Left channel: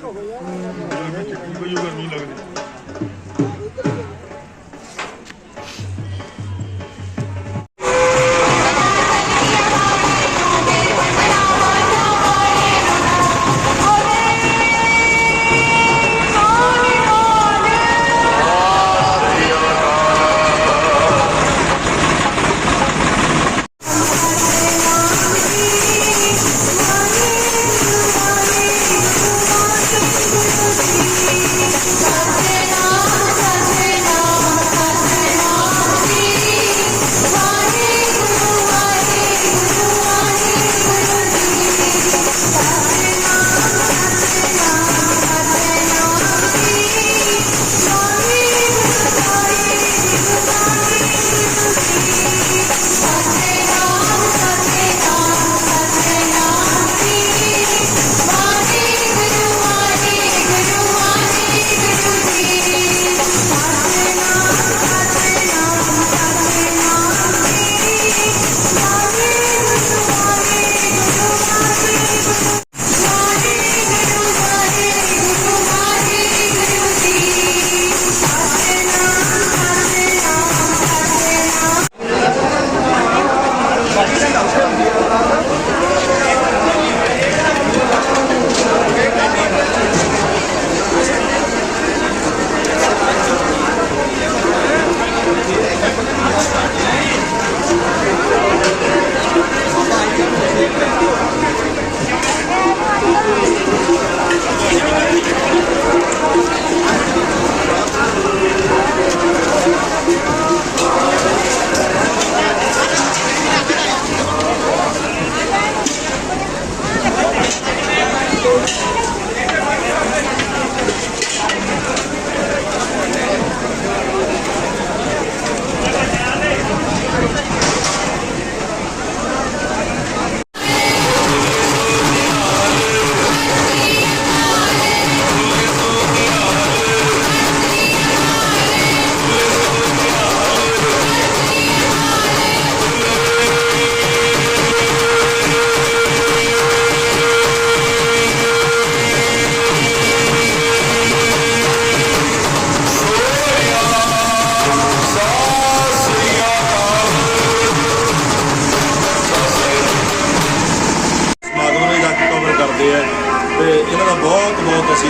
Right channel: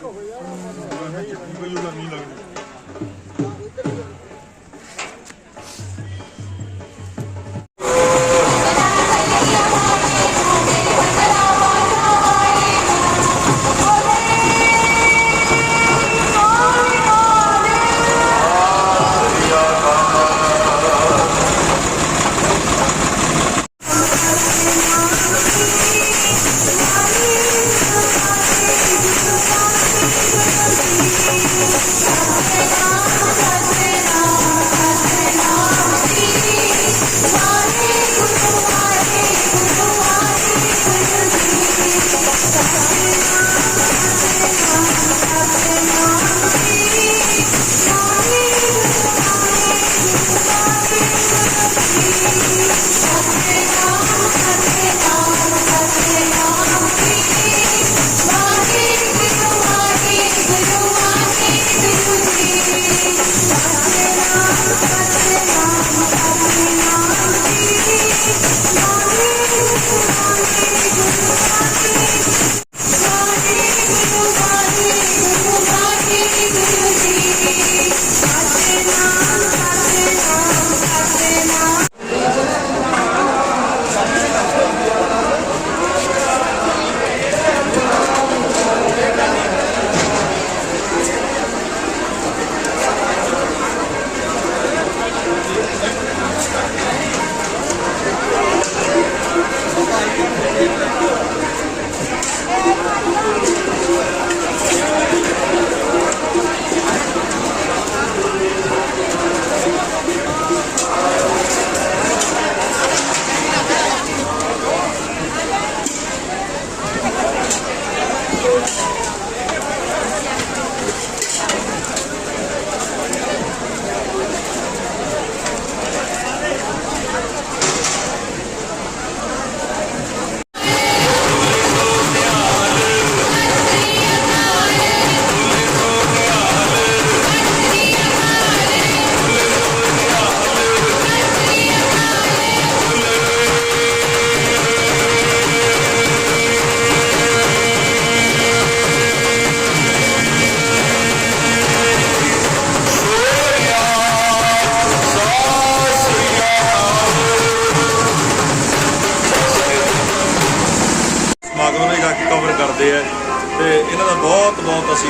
我感觉，我感觉，我，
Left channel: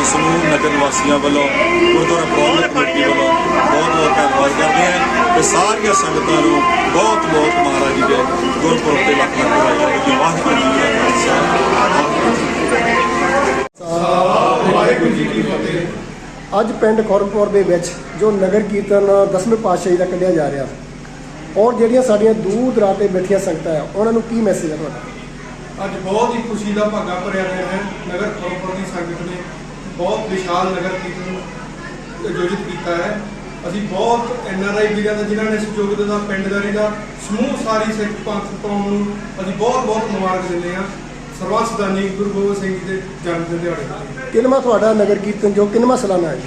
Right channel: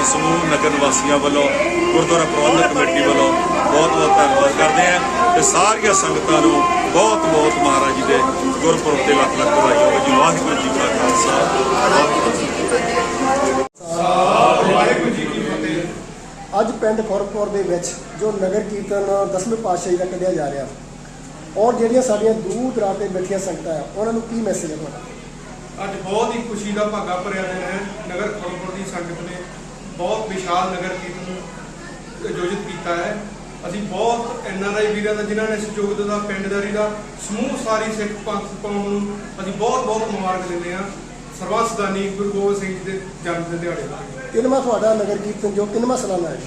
ਸਮੂਹ ਨਗਰ ਨਿਵਾਸੀਆਂ ਵੱਲੋਂ ਗੁਰਦੁਆਰਾ ਪ੍ਰਬੰਧਕ ਕਮੇਟੀ ਵੱਲੋਂ ਬਹੁਤ ਬਹੁਤ ਧੰਨਵਾਦ ਕਰਦੇ ਆ ਤੇ ਸਾਰੀਆਂ ਸੰਗਤਾਂ ਨੂੰ ਬਹੁਤ ਬਹੁਤ ਮਹਾਰਾਜ ਜੀ ਦੇ ਗੁਰਪੁਰਬ ਤੇ ਲੱਖ ਲੱਖ ਵਧਾਈਆਂ ਜੀ। ਵਾਹਿਗੁਰੂ ਜੀ ਕਾ ਖਾਲਸਾ ਵਾਹਿਗੁਰੂ ਜੀ ਕੀ ਫਤਿਹ ਵਾਹਿਗੁਰੂ ਜੀ ਕੀ ਫਤਿਹ। ਅੱਜ ਪਿੰਡ ਖੁਰਦਪੁਰ ਦੇ ਵਿੱਚ ਜੋ ਨਗਰ ਕੀਰਤਨ ਦਸਵੇਂ ਪਾਤਸ਼ਾਹੀ ਦਾ ਕੱਢਿਆ ਜਾ ਰਿਹਾ ਔਰ ਜਿਹੜੀਆਂ ਸਾਡੀਆਂ ਦੂਰ ਦਰਾਡੇ ਬੈਠੀਆਂ ਸੰਗਤਾਂ ਆ ਉਹਨਾਂ ਨੂੰ ਕੀ ਮੈਸੇਜ ਹੈ ਤੁਹਾਡਾ? ਅੱਜ ਬਹੁਤ ਹੀ ਖੁਸ਼ੀ ਦਾ ਭਾਗਾ ਭਰਿਆ ਦਿਨ ਹੈ। ਨਗਰ ਖੜੋਪੁਰ ਦੀ ਸੰਗਤ ਨੇ ਬਹੁਤ ਵਿਸ਼ਾਲ ਨਗਰ ਕੀਰਤਨ ਆਯੋਜਿਤ ਕੀਤਾ ਹੈ। ਅਸੀਂ ਬਹੁਤ ਐਨਆਰਆਈ ਵੀਰਾਂ ਦਾ ਜਿਨ੍ਹਾਂ ਨੇ ਸਹਿਯੋਗ ਦਿੱਤਾ ਪਿੰਡਦਾਰੀ ਦਾ ਸਮੂਹ ਸਾਰੀ ਸਿੱਖ ਪੰਥ ਕੌਮ ਨੂੰ ਅਸੀਂ ਬਹੁਤ ਬਹੁਤ ਮੁਬਾਰਕ ਦਿੰਦੇ ਹਾਂ। ਸਰਬੱਤ ਸਦਾਨੀ ਗੁਰੂ ਗੋਬਿੰਦ ਸਿੰਘ ਜੀ ਦੇ ਜਨਮ ਦਿਨ ਦਿਹਾੜੇ ਦਾ ਕਿੰਨਵਾਂ ਤੁਹਾਡਾ ਨਗਰ ਕੀਰਤਨ ਜੋ ਕਿੰਨਵਾਂ ਸਾਲਾਨਾ ਹੈ?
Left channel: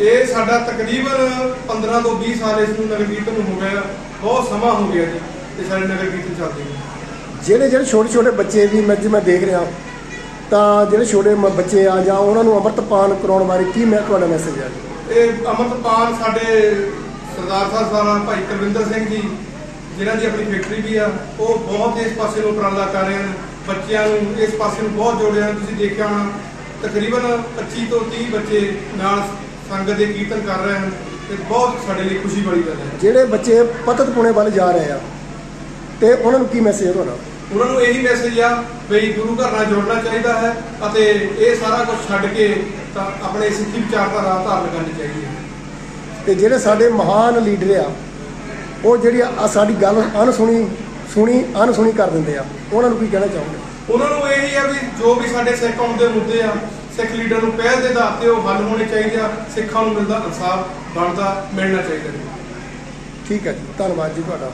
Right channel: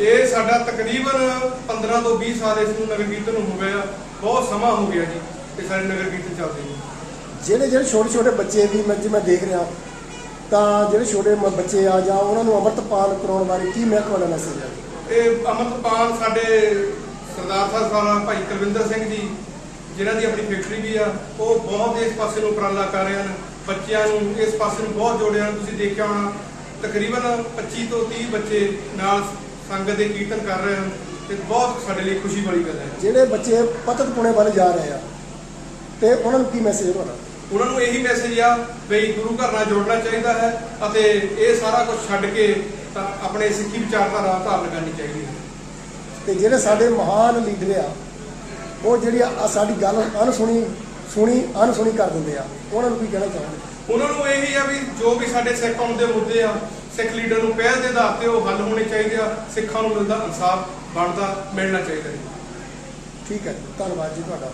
ਇਹ ਸਾਡਾ ਤਕਰੀਬਨ 15 ਤੋਂ 20 ਸਾਲ ਇਸ ਨੂੰ ਨਗਰ ਕੀਰਤਨ ਨੂੰ ਹੋ ਗਿਆ। ਬਹੁਤ ਸਮਾਂ ਹੋ ਗਿਆ ਜੀ ਤੇ ਸਾਡੇ ਨਗਰ ਕੀਰਤਨ ਚੱਲਦੇ ਨੂੰ। ਜਿਹੜੇ ਜਿਹੜੇ ਛੋਟੇ ਛੋਟੇ ਬੱਚੇ ਵੀ ਮੈਂ ਜਿਵੇਂ ਦੇਖ ਰਿਹਾ ਤਾਂ ਜਿਹੜੇ ਛੋਟੇ ਮ- ਬੱਚੇ ਆ ਜਾਂ ਉਹਨਾਂ ਨੂੰ ਅੰਮ੍ਰਿਤਪਾਨ ਕਰਾਉਣ ਬਾਰੇ ਕੀ ਮੈਂ ਤੁਹਾਡਾ ਮੈਸੇਜ ਹੈ? ਇਹ ਅਮਰਤਪਾਲ ਸਾਡੇ ਸਰਦਾਰ ਸਾਹਿਬ ਸਾਰਾ ਭਾਈ ਕੁਲਵਿੰਦਰ ਸਿੰਘ ਜੀ ਜਿਨ੍ਹਾਂ ਦੀ ਆਪਣੀ ਫੈਕਟਰੀ ਵੀ ਆ ਉਹ ਬਹੁਤ ਇਸ ਪਾਸੇ ਨੂੰ ਉਪਰਾਲਾ ਕਰ ਰਹੇ ਹਨ। ਬੱਚਿਆਂ ਨੂੰ ਇਸ ਪਾਸੇ ਨੂੰ ਬਹੁਤ ਜੋੜਿਆ ਹਨ। ਤੁਸੀਂ ਦੇਖਿਆ ਹੋਣਾ ਤਕਰੀਬਨ 25 ਤੋਂ 30 ਬੱਚੇ ਨਾਲ ਸੰਗਤ ਦੇ ਕੀਰਤਨ ਕਰ ਰਹੇ ਹਨ ਤੇ ਬਹੁਤ ਸਾਡੇ ਲਈ ਖੁਸ਼ੀ ਵਾਲੀ ਗੱਲ ਹੈ। ਜਿਹੜੇ ਬੱਚੇ ਪਤਤ ਪੁਣੇ ਵੱਲ ਜਾ ਰਹੇ ਆ ਤੇ ਉਹਨਾਂ ਨੂੰ ਕੀ ਮੈਸੇਜ ਹੈ ਤੁਹਾਡਾ? ਉਹਨਾਂ ਨੂੰ ਇਹੀ ਮੈਸੇਜ ਆ ਵੀ ਗੁਰੂ ਘਰ ਨਾਲ ਜੋੜਨਾ ਚਾਹੀਦਾ ਹੈ ਅਤੇ ਇਹ ਸਾਰਾ ਕੁਝ ਛੱਡ ਕੇ ਤਾਂ ਆਪਣੇ ਸਿੱਖੀ ਵਿਚਾਰਧਾਰਾ ਧਾਰਨ ਕਰਨੀ ਚਾਹੀਦੀ ਹੈ। ਤੇ ਜਿਹੜੇ ਸਾਡੇ ਮਹਾਨ ਲੀਡਰ ਆ ਉਹ ਜਿਹੜੀ ਸਾਡੀ ਗੱਲ ਅਨਸੁਣੀ ਸੁਣੀ ਅਨਸੁਣੀ ਕਰ ਦਿੰਦੇ ਆ ਉਹਨਾਂ ਨੂੰ ਕੀ ਕਹਿਣਾ ਚਾਹੋਗੇ? ਉਹਨਾਂ ਨੂੰ ਇਹੀ ਆ ਵੀ ਜੋ ਵੀ ਸਾਡੇ ਸਿੱਖ ਕੌਮ ਦੇ ਮੁੱਦੇ ਆ ਸਿੱਖ ਲੀਡਰ ਨੂੰ ਪਹਿਲ ਦੇ ਆਧਾਰ ਤੇ ਉਹ ਹੱਲ ਹੋਣੇ ਚਾਹੀਦੇ ਆ ਸਿੱਖਾਂ ਨੂੰ ਮਿਲਦਾ ਇਨਸਾਫ ਬਣਦਾ ਮਿਲਣਾ ਚਾਹੀਦਾ ਠੀਕ ਹੈ ਜੀ ਧੰਨਵਾਦ ਜੀ ਤੁਹਾਡਾ।